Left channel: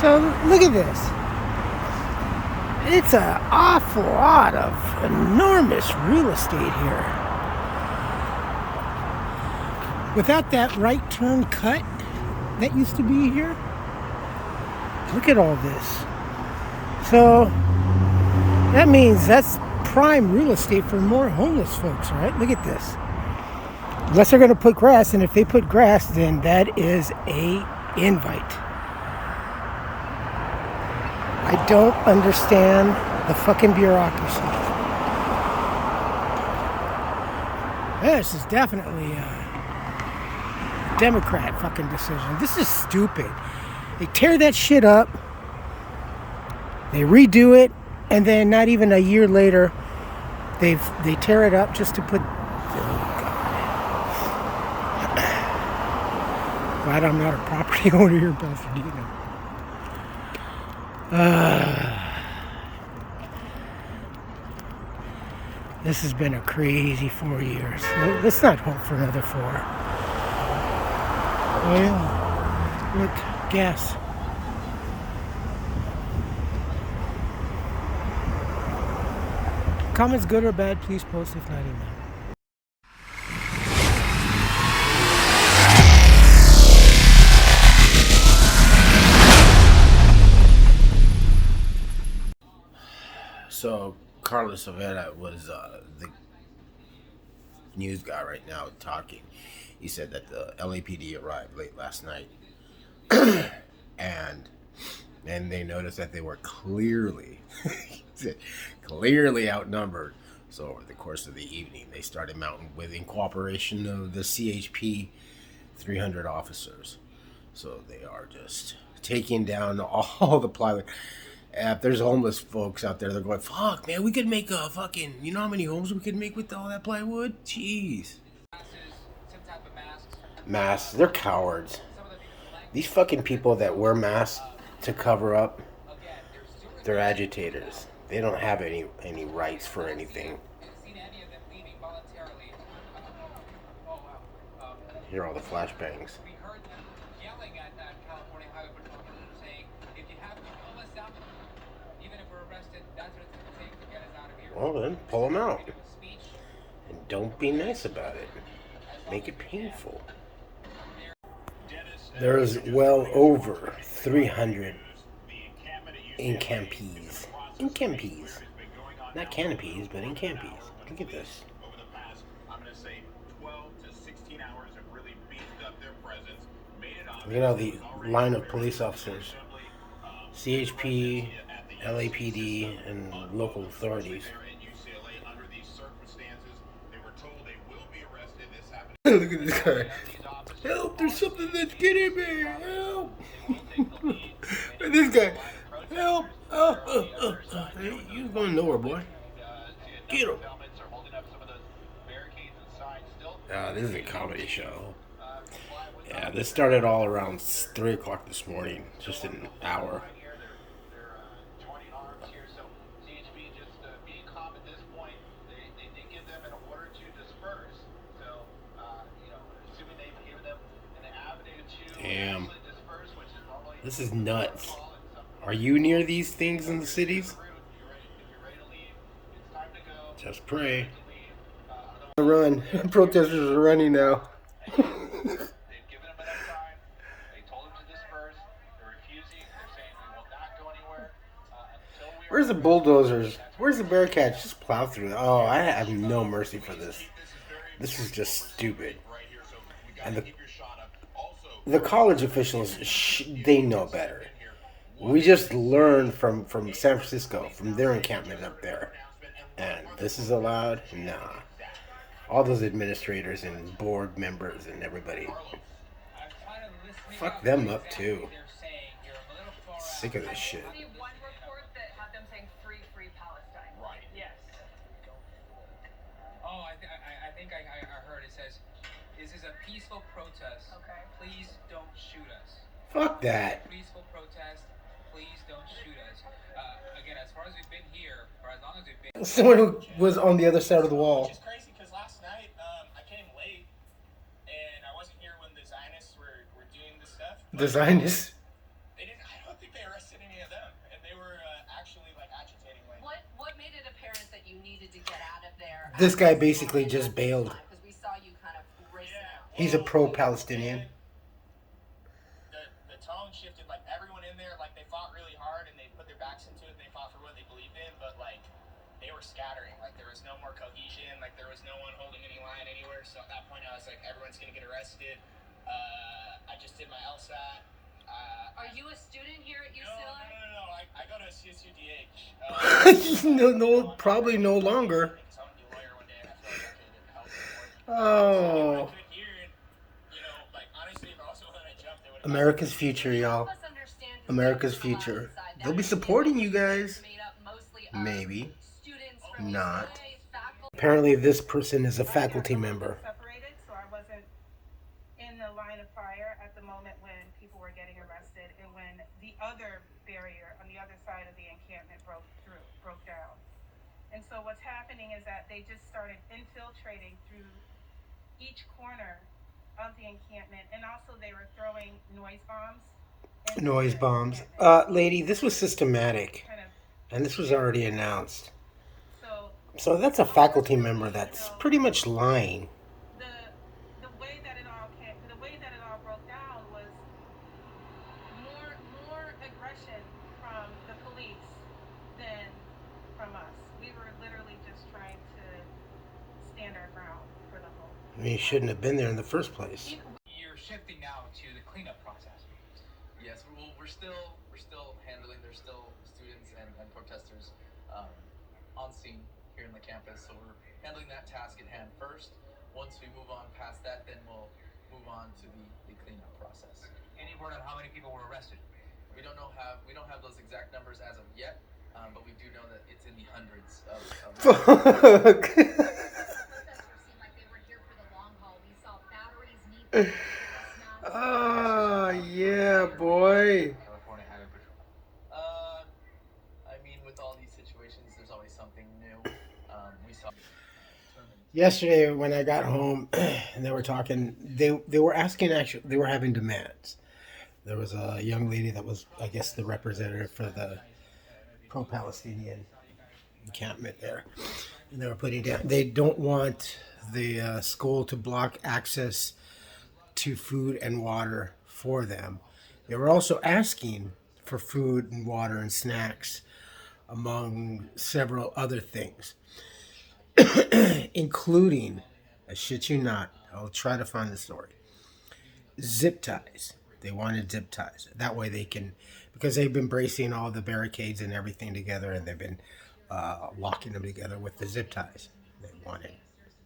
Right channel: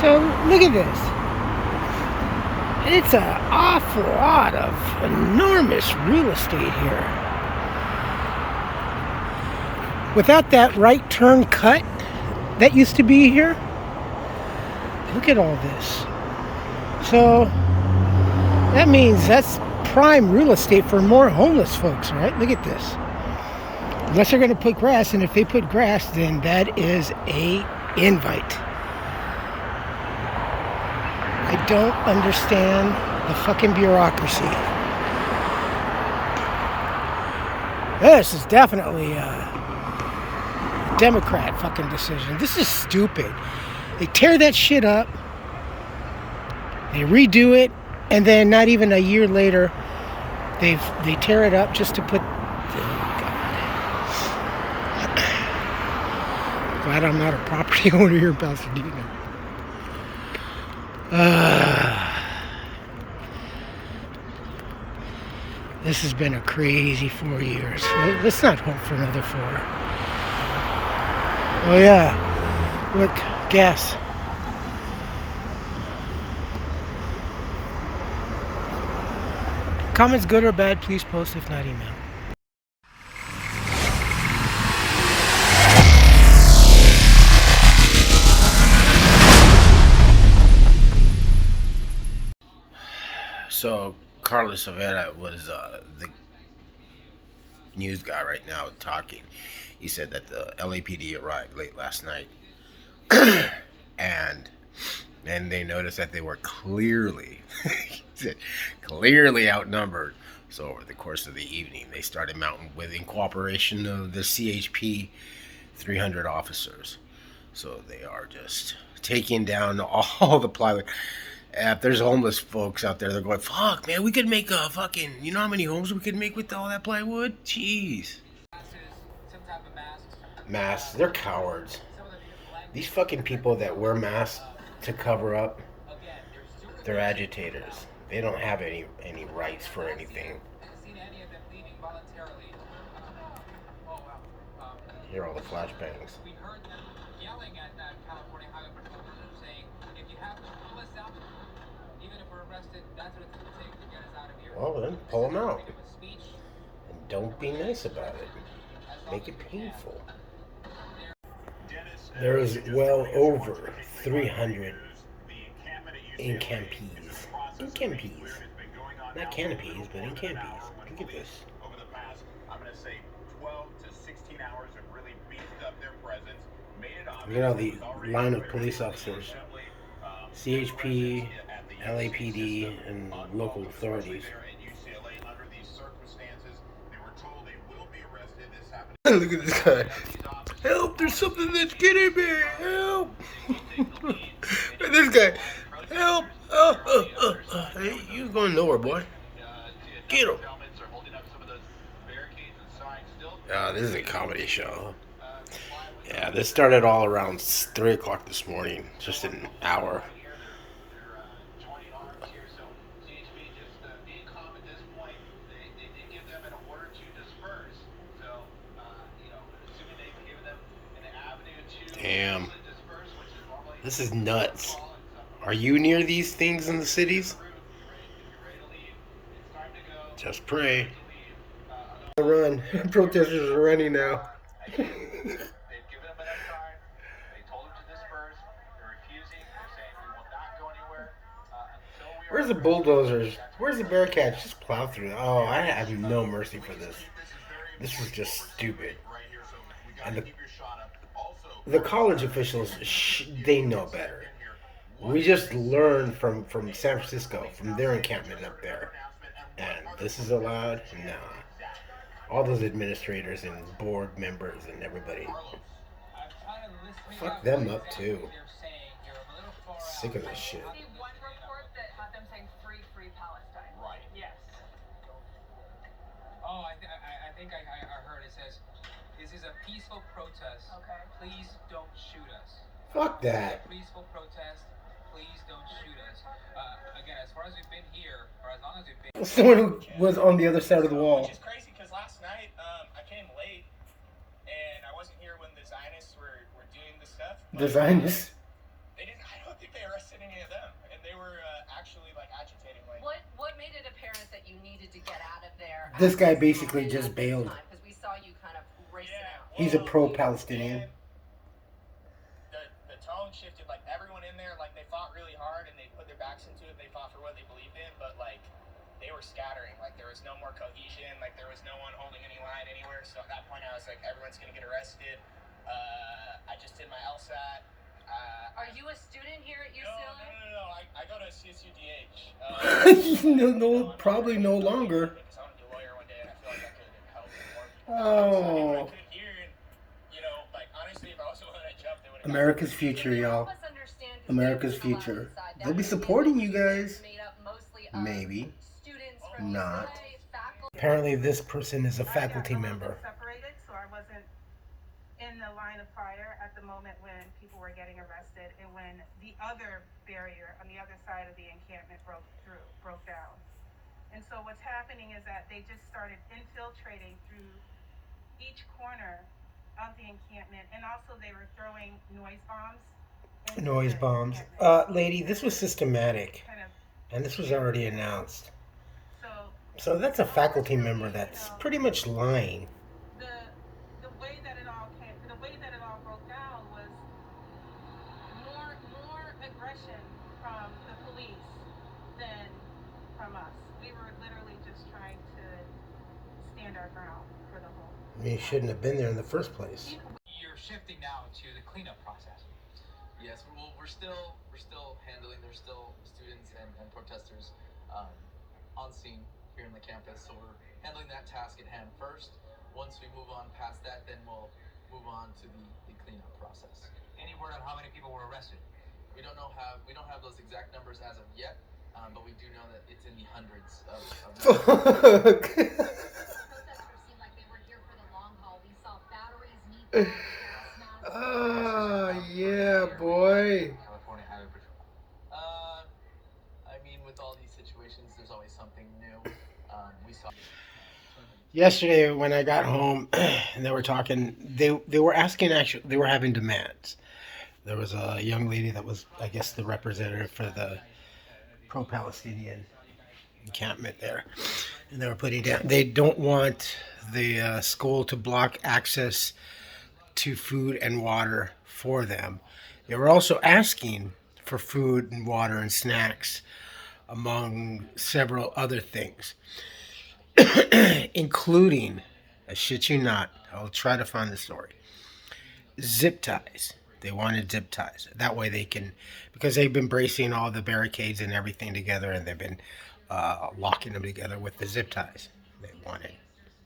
So look at this. It's an awful lot of enormous real estate here. Without that right turn cut that used to be here, look at all this. So that means that's prime real estate for more homeless folks, right? Look at this. Unless they're going to put grass, and if they put grass, then that is a invite. I don't understand the fucking bureaucracy. This is definitely a Democrat fucking decision. This is stupid. They tear that shit up, they redo it, and then not even a year later, they tear it up just to put. Oh God! Glad I'm not a property owner here in Pasadena. This has been a crazy 4 years. Let's not hope for another 4. Oh yeah, look, gas. Comments good or bad, please post, if not email. So Carlos Avera was the news guy right now talking. He said that the LAPD arrived late last night, and they noticed that they were clearly, he said, clearly outnumbered. So over the course of the evening, they started mounting in cooperation of the CHP 300 officers. So they are just taking down all the plywood. If there's homeless folks out there, they're going, fuck, man, we could make a fucking, you know how many homes we could make with all that plywood? Jeez. Masks, they're cowards. These fucking people that wear masks to cover up, they're agitators. They don't have any rights for anything. Hear all the flashbangs. Well, then pull them out. And don't be nice about it. Make it painful. There's well over 300 encampees. Encampees. Not canopies, but encampees. Look at this. Look at all the line of police officers. CHP, LAPD, and local authorities. Look at this guy. Help, there's something that's getting me. Help. This guy. Help. Hey, you going nowhere, boy. Get him. This is a comedy show. Yeah, this started all around 3 o'clock this morning. Just an hour. Damn. This is nuts. Are you near these things in the cities? Just pray. Run. Protesters are running now. Where's the bulldozers? Where's the Bearcats? Just plow through. Oh, I have no mercy for this. This is just stupid. And the college officials, they know better. We just learned from San Francisco, from their encampment up there. And this is allowed? Nah. All those administrators and board members and everybody. Fuck them up too. Sick of this shit. Oh, I think I heard it says, this is a peaceful protest. Okay. Please don't shoot us. Fuck that. Peaceful protest. Please don't shoot us. Again, as far as we've been here, or as long as we've been. Someone who was on the other side of the wall. Which is crazy because last night I came late and I wasn't here when the Zionists were doing the stuff. The Zionists? I don't think they were This guy basically just bailed. Because we saw you kind of racing out. He's a pro-Palestinian. The tone shifted. Like everyone in there, like they fought really hard and they put their backs into it. They fought for what they believed in, but like they were scattering. Like there was no more cohesion. Like there was no one holding any line anywhere. So at that point, I was like, everyone's gonna get arrested. I just did my LSAT. Are you a student here at UCLA? No. I go to CSUDH. No, probably no longer. So I want to be a lawyer one day, and I feel like I could help more. Oh, You know, like honestly, if I was the one that jumped, it would have. America's future, y'all. America's future. They'll be supporting you guys. Maybe. Not. Apparently this person is a faculty member. Separated, so I wasn't in the line of fire at the moment when people were getting arrested and when the other barrier on the other side of the encampment broke down. And so what's happening is that they just started infiltrating through each corner of the encampment, and also they were throwing noise bombs. Noise bombs. Lady, this was systematic. And this was already announced. So that's a faculty member that's pretty much lying. The way that it all broke down was more aggression from the police than from us. We were literally just trying to stand our ground for the whole. I mean, you shouldn't have been there in the first place. You're shifting now to the cleanup process. Yes, well, we're still handling. There's still students and protesters on scene here in the campus, so we're handling that task at hand first. Once we move on past that, then we'll move on to the cleanup process. Any word on how many people were arrested? We don't have those exact numbers as of yet, but we do know that it's in the hundreds of Fuck. Oh, yeah, boy. California Highway Patrol. I mean, with all these situations, there's always something new. We saw Yesterday when I got home and they were talking, they were asking, actually, they were having demands. There was a young lady that was, I guess, the representative for the pro-Palestinian encampment there. And they were putting down, they don't want the school to block access to food and water for them. They were also asking for food and water and snacks, among several other things, including, I shit you not, I'll try to find the story, zip ties. They wanted zip ties. That way they can, because they've been bracing all the barricades and everything together, and they've been locking them together with the zip ties. They wanted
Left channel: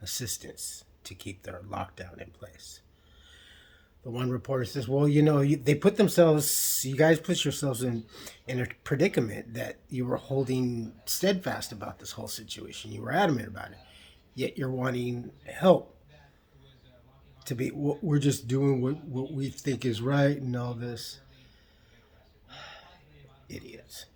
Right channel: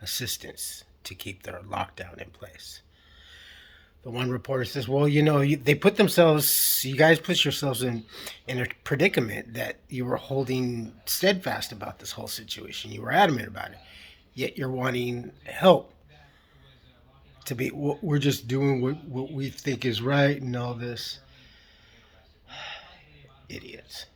assistance to keep their lockdown in place. The one reporter says, well, you know, they put themselves, you guys put yourselves in a predicament that you were holding steadfast about this whole situation. You were adamant about it. Yet you're wanting help to be, we're just doing what we think is right and all this. Idiots.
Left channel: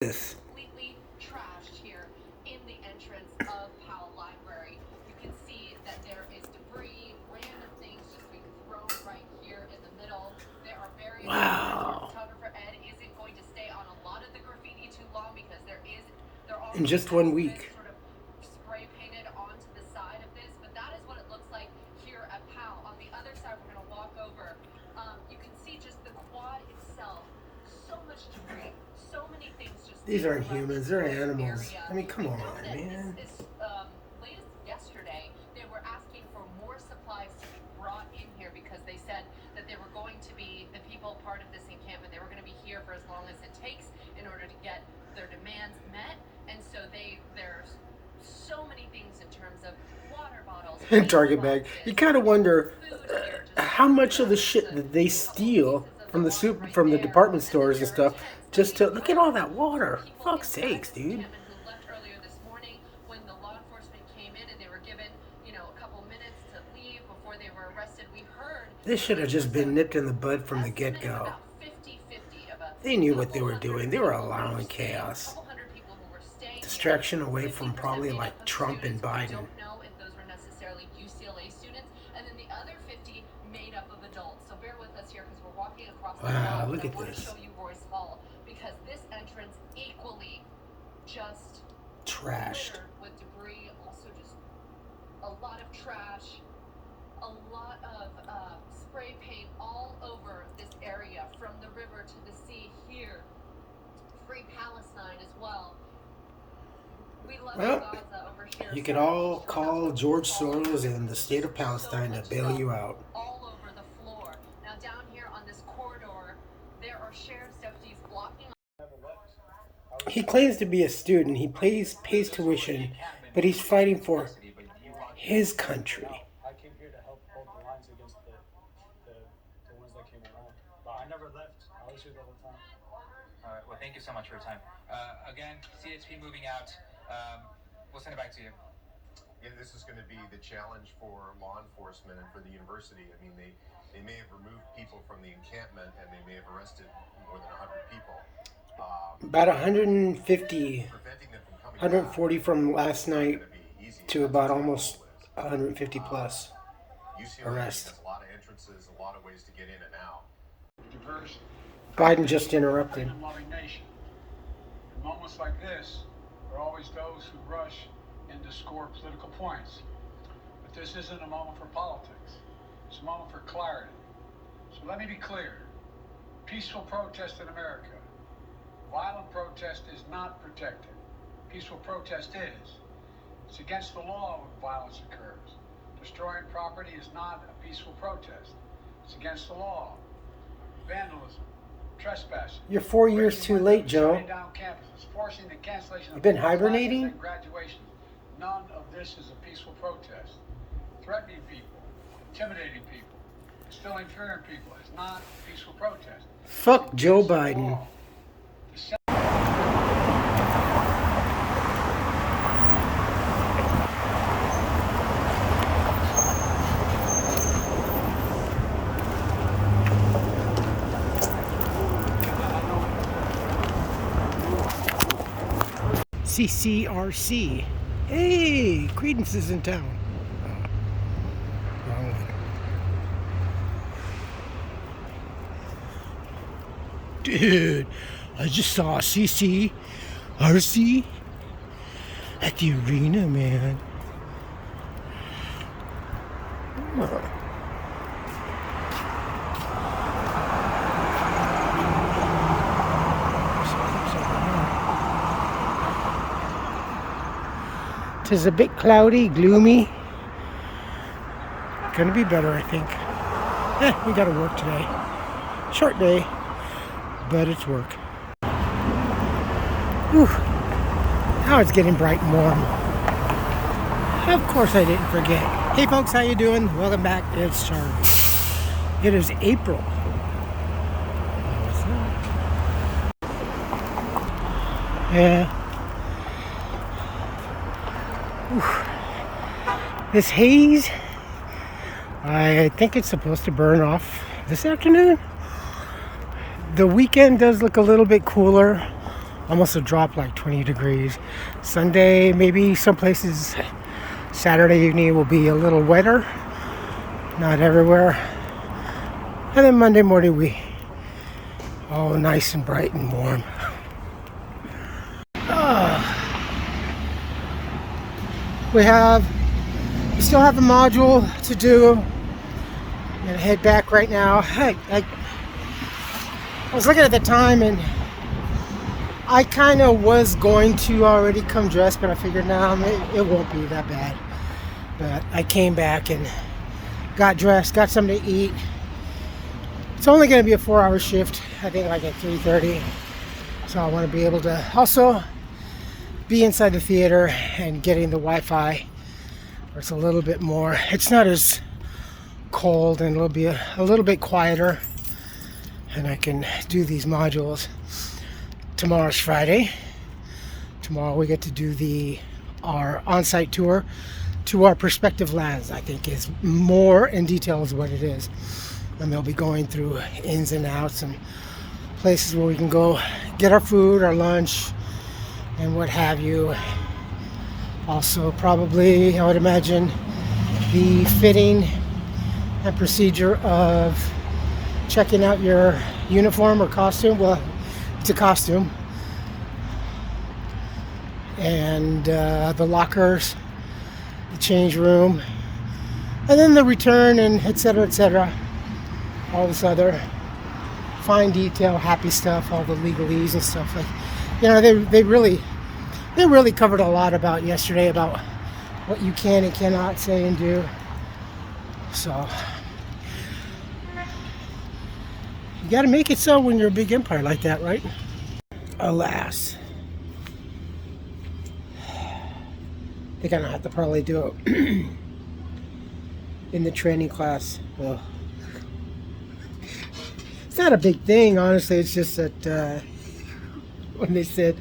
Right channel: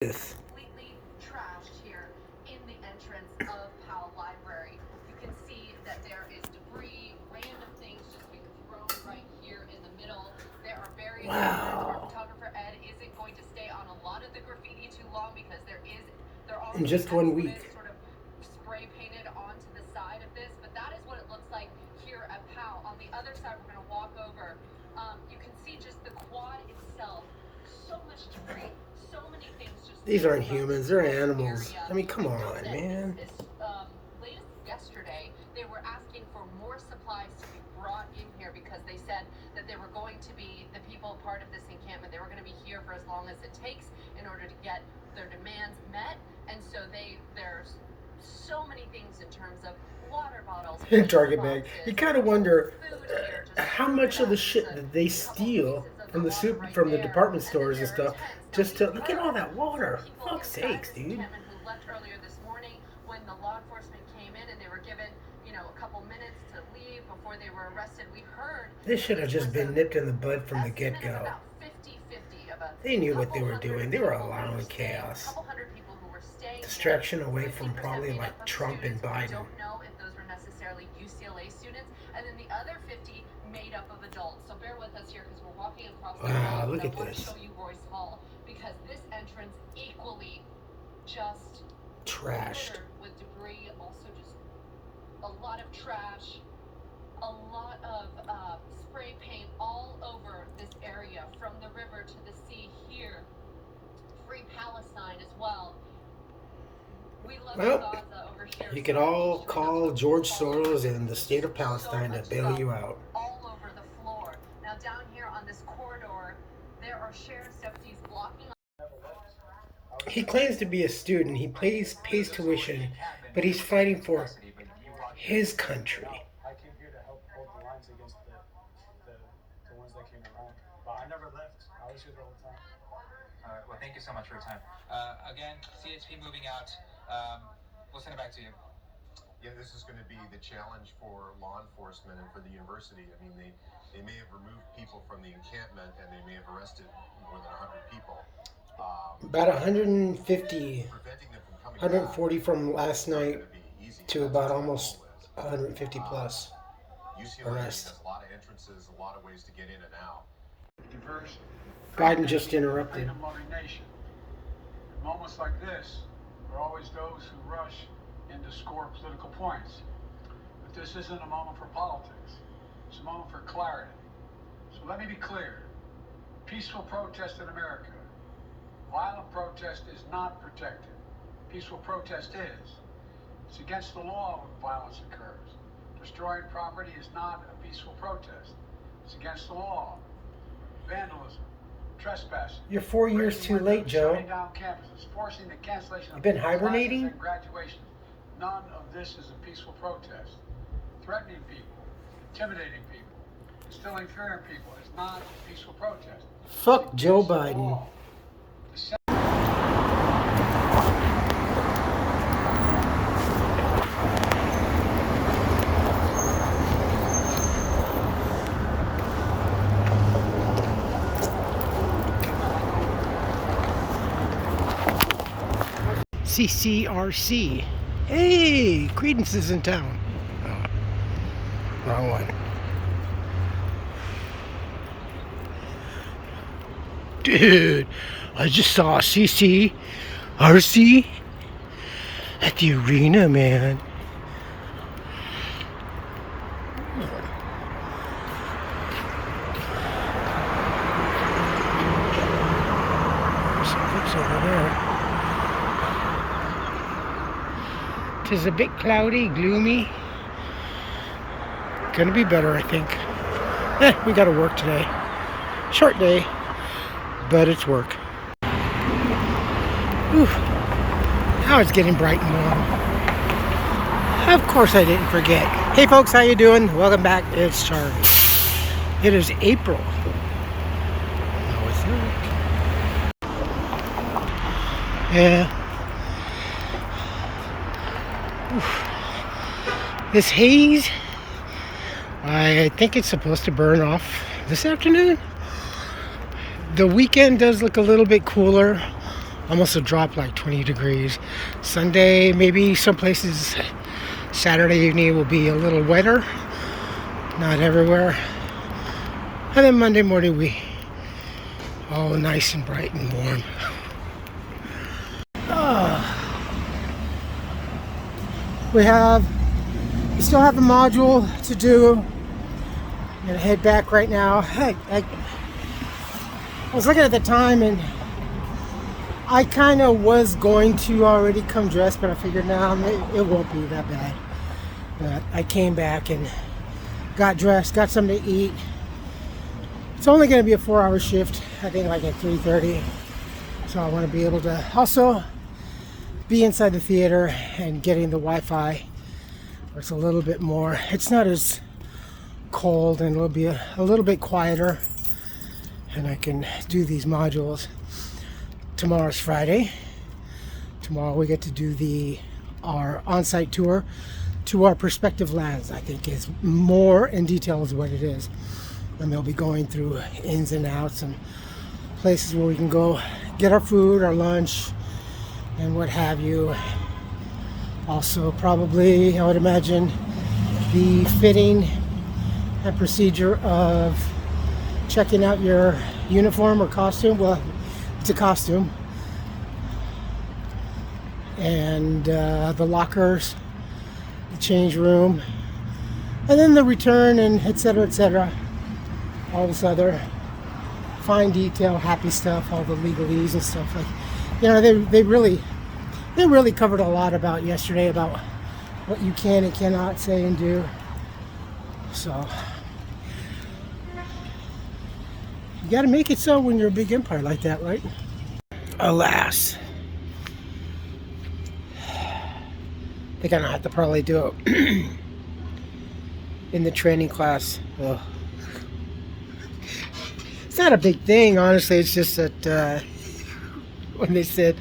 This. Completely trashed here in the entrance of Powell Library. You can see that there is debris, random things just being thrown right here in the middle. There are various. Wow. Photographer Ed isn't going to stay on a lot of the graffiti too long because they're all In just 1 week. Sort of spray painted onto the side of this, but that is what it looks like here at Powell. On the other side, we're going to walk over. You can see just the quad itself. So much debris. So many things just. These aren't humans, they're animals. I mean, come on, man. Latest yesterday, they were asking for more supplies to be brought in here because they said that they were going to be, the people part of this encampment, they were going to be here for as long as it takes in order to get their demands met. And so there's so many things in terms of water bottles, Target bag. You kind of wonder how much of the shit that they steal from the department stores and stuff, just to look at all that water. Fuck's sakes, dude. Who left earlier this morning when the law enforcement came in and they were given, a couple minutes to leave before they were arrested. We heard This should have just been nipped in the bud from the get-go. They knew what they were doing. They were allowing chaos. Distraction away from probably like Trump and Biden. Don't know if those were necessarily UCLA students, and then the other 50 made up of adults. So bear with us here because we're walking across the Wow, hall, look and at I want this. to show you Royce Hall because this entrance equally just Trashed. littered with debris, also just trash, a lot of spray paint all over this area, from the river to the sea here. Free Palestine as well. We love Well, Gaza over here. you could all call George Soros and the state of Palestine to bail you out. All over the floor. Now down here on this corridor, there are sheriff's deputies blocking. He claims to be a student. He pays tuition, but he's fighting for his country. I came here to help hold the lines against the ones that came around. But I never left. I was here the whole time. All right. Well, thank you so much for your time. Again, CHP moving out. We'll send it back to you. Yeah, this is going to be the challenge for law enforcement and for the university. I mean, they may have removed people from the encampment and they may have arrested more than 100 people. About 150, Preventing them from coming 140 back from last night is gonna be easy. to about almost 150 plus. UCLA arrest. has a lot of entrances, a lot of ways to get in and out. Diverse. Biden just interrupted. Freedom-loving nation. In moments like this, there are always those who rush in to score political points. But this isn't a moment for politics. It's a moment for clarity. So let me be clear. Peaceful protest in America. Violent protest is not protected. Peaceful protest is. It's against the law when violence occurs. Destroying property is not a peaceful protest. It's against the law. Vandalism, trespassing. You're 4 years too late, Joe. Shutting down campuses, forcing the cancellation You've been of classes hibernating? and graduation. None of this is a peaceful protest. Threatening people, intimidating people, instilling fear in people is not a peaceful protest. Fuck Joe Biden. CCRC. Hey, Credence is in town. Oh, wrong one. Dude, I just saw CCRC at the arena, man. Oh. Some folks over there. It's a bit cloudy, gloomy. Gonna be better, I think. We gotta work today. Short day, but it's work. Whew. Now it's getting bright and warm. Of course I didn't forget. Hey folks, how you doing? Welcome back. It's Charlie. It is April. No, it's not. Yeah. Oof. This haze, I think it's supposed to burn off this afternoon. The weekend does look a little bit cooler, almost a drop like 20 degrees. Sunday, maybe some places, Saturday evening will be a little wetter, not everywhere. And then Monday morning we all nice and bright and warm. We still have a module to do. I'm gonna head back right now. I was looking at the time and I kind of was going to already come dressed, but I figured now it won't be that bad. But I came back and got dressed, got something to eat. It's only gonna be a 4-hour shift, I think like at 3:30. So I want to be able to also be inside the theater and getting the Wi-Fi where it's a little bit more, it's not as cold and it'll be a little bit quieter, and I can do these modules. Tomorrow's Friday. Tomorrow we get to do our on-site tour to our prospective lands. I think is more in detail is what it is, and they'll be going through ins and outs and places where we can go get our food, our lunch, and what have you. Also probably, I would imagine, the fitting and procedure of checking out your uniform or costume. Well, it's a costume. And the lockers, the change room, And then the return and etc. All this other fine detail, happy stuff, all the legalese and stuff like. They really covered a lot about yesterday about what you can and cannot say and do. So you got to make it so when you're a big empire like that, right? Alas, I think I'm gonna have to probably do it in the training class. Ugh. It's not a big thing, honestly. It's just that when they said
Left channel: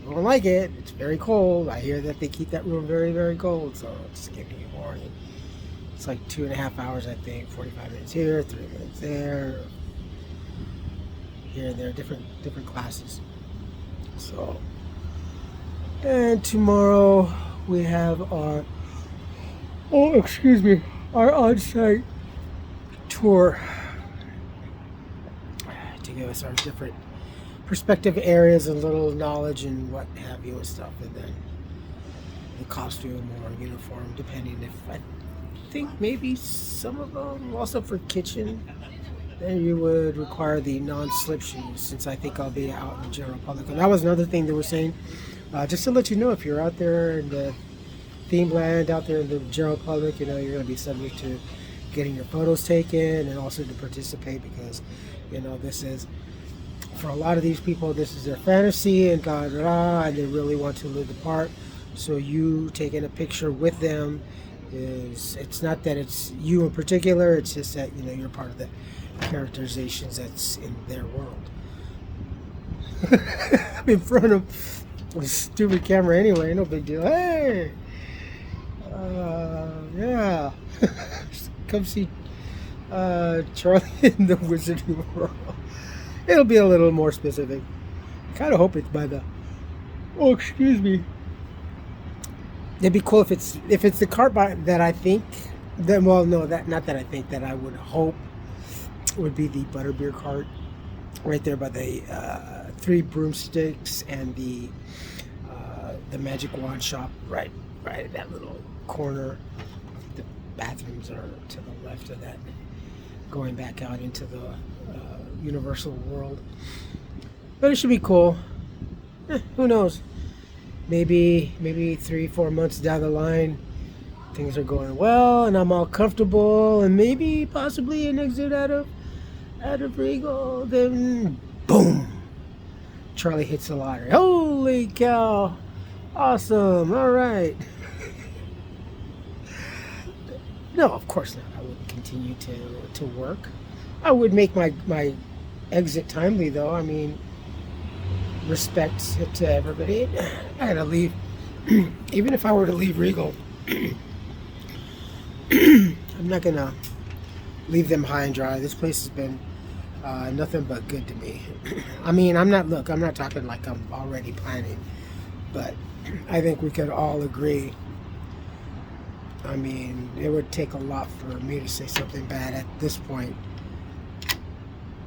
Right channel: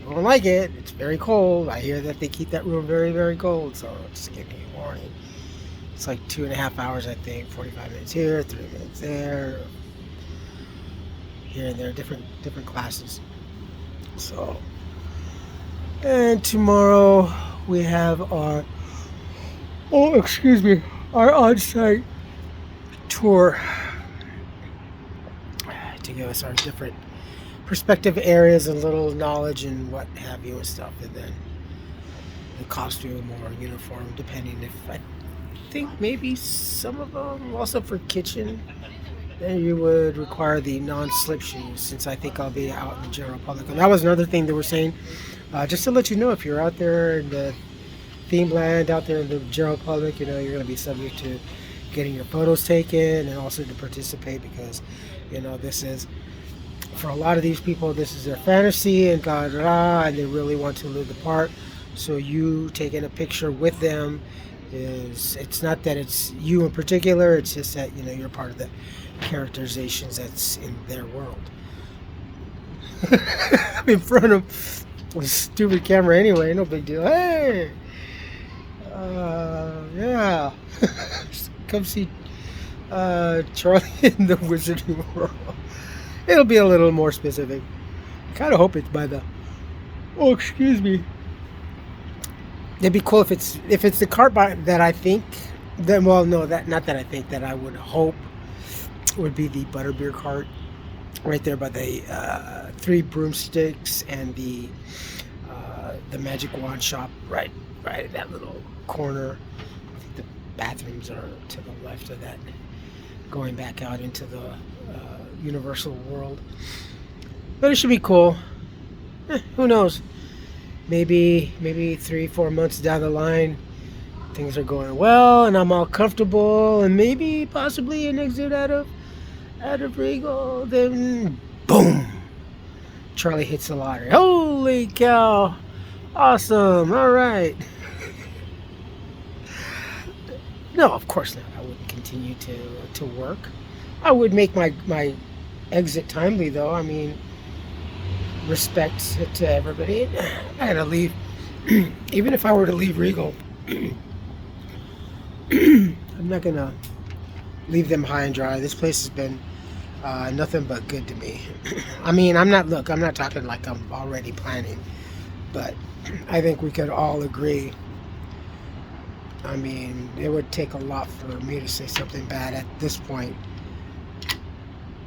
you won't like it, it's very cold. I hear that they keep that room very, very cold. So just giving you a warning. It's like 2.5 hours, I think. 45 minutes here, 3 minutes there, here and there, different classes. So, and tomorrow we have our our on-site tour to give us our different perspective areas and little knowledge and what have you and stuff, and then the costume or uniform, depending. If I think maybe some of them also for kitchen, then you would require the non-slip shoes, since I think I'll be out in the general public. And that was another thing they were saying, just to let you know, if you're out there in the theme land, out there in the general public, you're going to be subject to getting your photos taken and also to participate, because this is, for a lot of these people, this is their fantasy and and they really want to live the part. So you taking a picture with them it's not that it's you in particular, it's just that you're part of the characterizations that's in their world. I'm in front of a stupid camera anyway, no big deal. Hey, yeah. Come see Charlie in the Wizarding World. It'll be a little more specific. Kind of hope it's by the. Oh, excuse me. It'd be cool if it's the cart that I think. Then, well, no, not that I think, that I would hope would be the butterbeer cart right there by the 3 broomsticks and the magic wand shop right in that little corner. The bathrooms are to the left of that, going back out into the Universal world. But it should be cool. Who knows? Maybe 3-4 months down the line, things are going well and I'm all comfortable, and maybe possibly an exit out of Regal. Then boom, Charlie hits the lottery. Holy cow! Awesome. All right. No, of course not. I wouldn't continue to work. I would make my exit timely, though. I mean, respect to everybody. I had to leave. Even if I were to leave Regal, I'm not gonna leave them high and dry. This place has been nothing but good to me. I mean, I'm not talking like I'm already planning, but I think we could all agree. I mean, it would take a lot for me to say something bad at this point,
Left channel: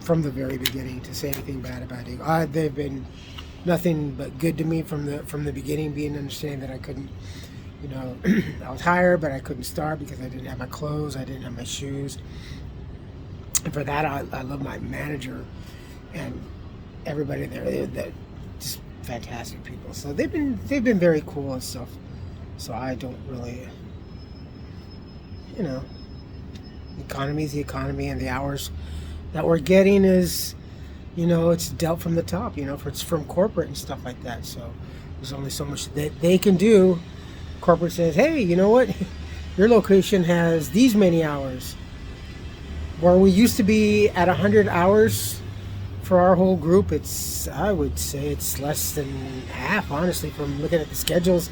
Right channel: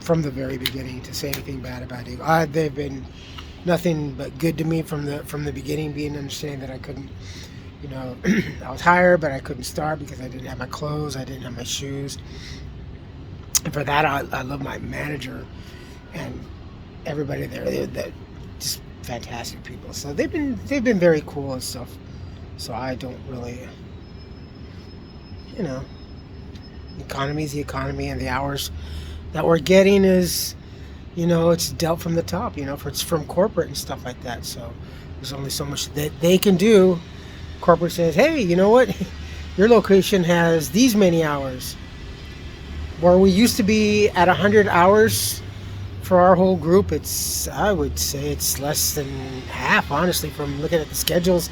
from the very beginning, to say anything bad about it. They've been nothing but good to me from the beginning, being understanding that I couldn't, I was hired, but I couldn't start because I didn't have my clothes, I didn't have my shoes. And for that, I love my manager and everybody there. They're just fantastic people. So they've been very cool and stuff. So I don't really, the economy is the economy, and the hours that we're getting is, it's dealt from the top, it's from corporate and stuff like that. So there's only so much that they can do. Corporate says, hey, you know what? Your location has these many hours. Where we used to be at 100 hours for our whole group, I would say it's less than half, honestly, from looking at the schedules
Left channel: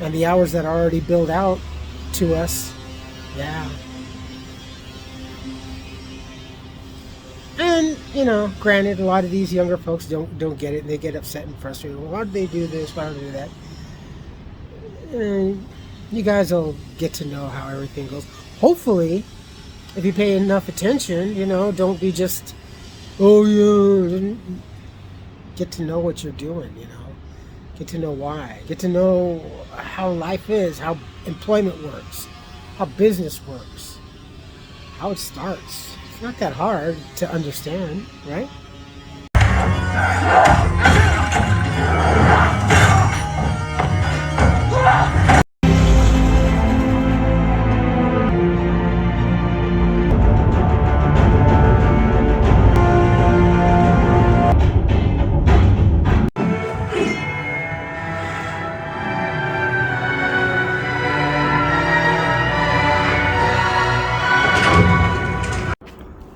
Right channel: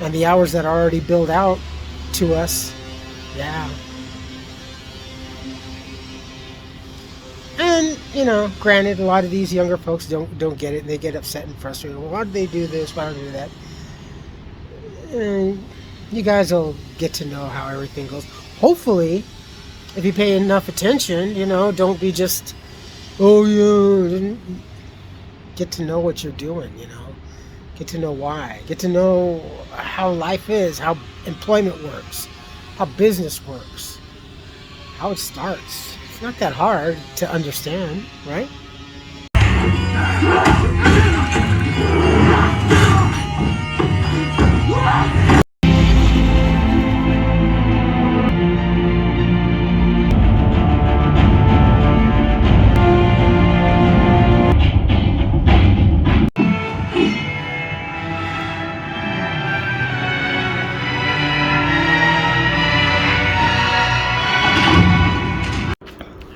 and the hours that are already billed out to us. Yeah. And, granted, a lot of these younger folks don't get it, and they get upset and frustrated. Well, why do they do this? Why don't they do that? And you guys will get to know how everything goes. Hopefully, if you pay enough attention, don't be just, oh, yeah. Get to know what you're doing, Get to know why. Get to know how life is, how employment works, how business works, how it starts. It's not that hard to understand, right?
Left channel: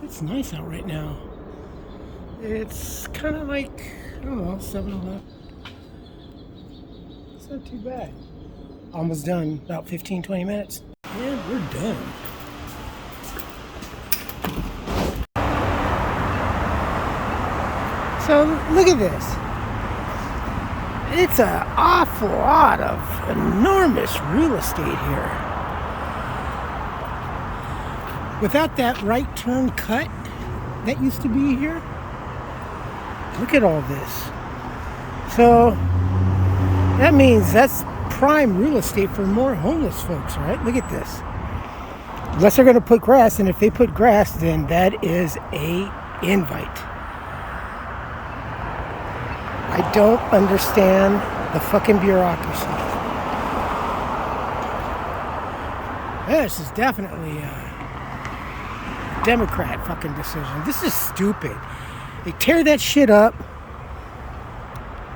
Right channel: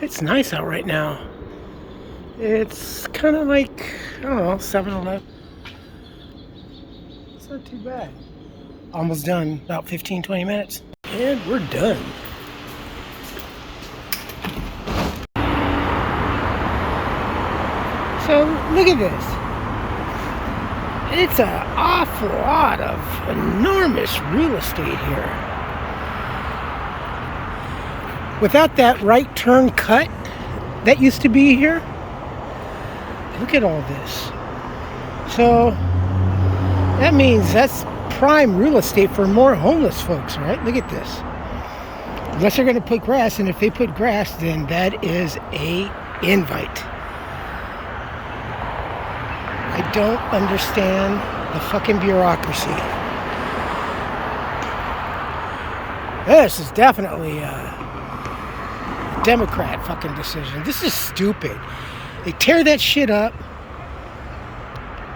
It's nice out right now. It's kind of like, I don't know, 7-Eleven. It's not too bad. Almost done, about 15-20 minutes. And we're done. So look at this. It's an awful lot of enormous real estate here. Without that right turn cut that used to be here, look at all this. So that means that's prime real estate for more homeless folks, right? Look at this. Unless they're going to put grass, and if they put grass, then that is a invite. I don't understand the fucking bureaucracy. This is definitely a Democrat fucking decision. This is stupid. They tear that shit up,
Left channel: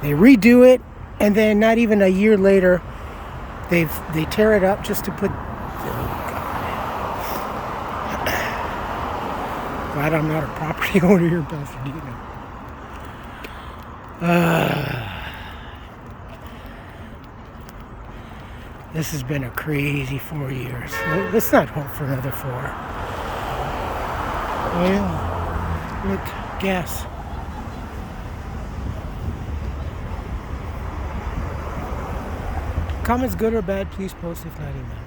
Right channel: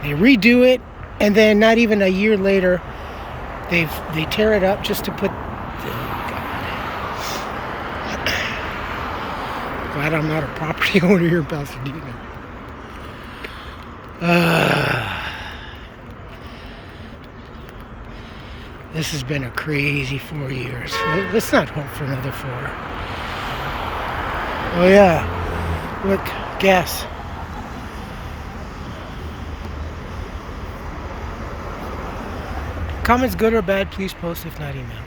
they redo it, and then not even a year later, they tear it up just to put. Oh God! Glad I'm not a property owner here in Pasadena. This has been a crazy 4 years. Let's not hope for another 4. Oh yeah, look, gas. Comments good or bad, please post, if not email.